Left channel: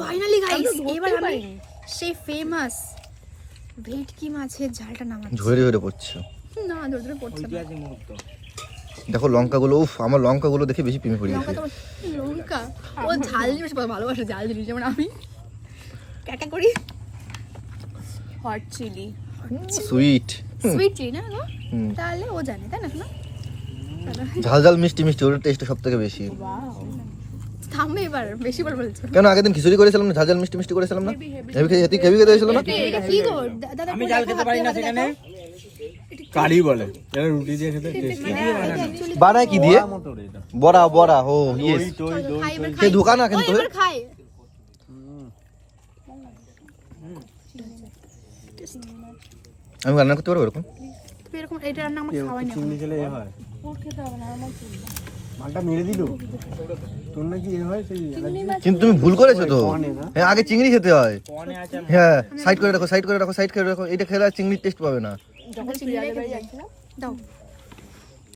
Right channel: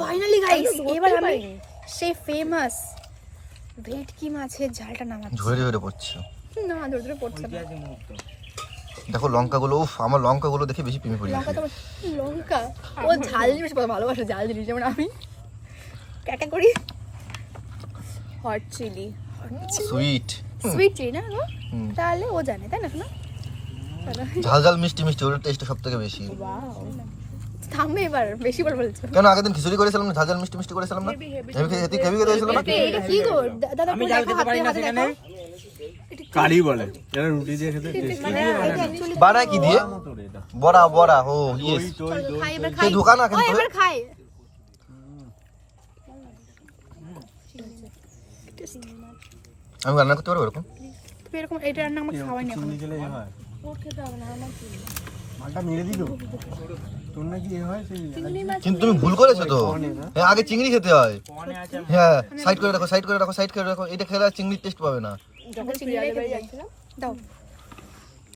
Finally guys এবার আমি সেই ফেমাস ভেটকি মাছের ঝালটা নামাচ্ছি। ঝরে ঝরে পড়ছে। না ধরে ধরে পড়ছে না। দেখো লঙ্কাগুলো উফ আমার লঙ্কাগুলো দেখে বেশি প্রেমে পড়ে লঙ্কা তো লঙ্কা। ও ঝাল জিনিস ভালোবাসে ঝাল জিনিস যেমন আমি। ক্যাকা করি hot chilli sweet sweet chilli না গো? তাহলে ও জানে তাই না শোনা? ঝাল ঝাল মিষ্টি মিষ্টি ওর টেস্ট সব থেকে বেশি। থামবে এবার বেশি বার বলছো। কেন আগের দিন খিচুড়ি করেছিলাম না ঝাল মিষ্টি মিষ্টি করেছিলাম না? হেভি খেয়ে হেভি খেতে হয়েছিল না এটা কি গো? দাদা আমি খেতে পারি না সেখানে? কারি বলে। এটা রুটি দিয়ে খেতে টেস্টি। মানে কি দিয়ে? বড়া বড়া ও ইয়েস খাই এবার খাই। না কিন্তু এবার খাই। আমি রান্না করতে পারব এরকম? এরকম এটা রান্না আমার খাওয়াই না খেতে হবে না আমার চিলি মালটা মেরে দিল? তোর নাকি এ হয় সেই কিন্তু তুমি ভুল করেছ তো। হ্যাঁ, আগে চিংড়ি খেতে হয়। হ্যাঁ সাইড করে রাখো সাইড করে রাখো সাইড করে রাখো। এটা খেলে আর চিংড়ির টেস্ট পাবে না। দাও।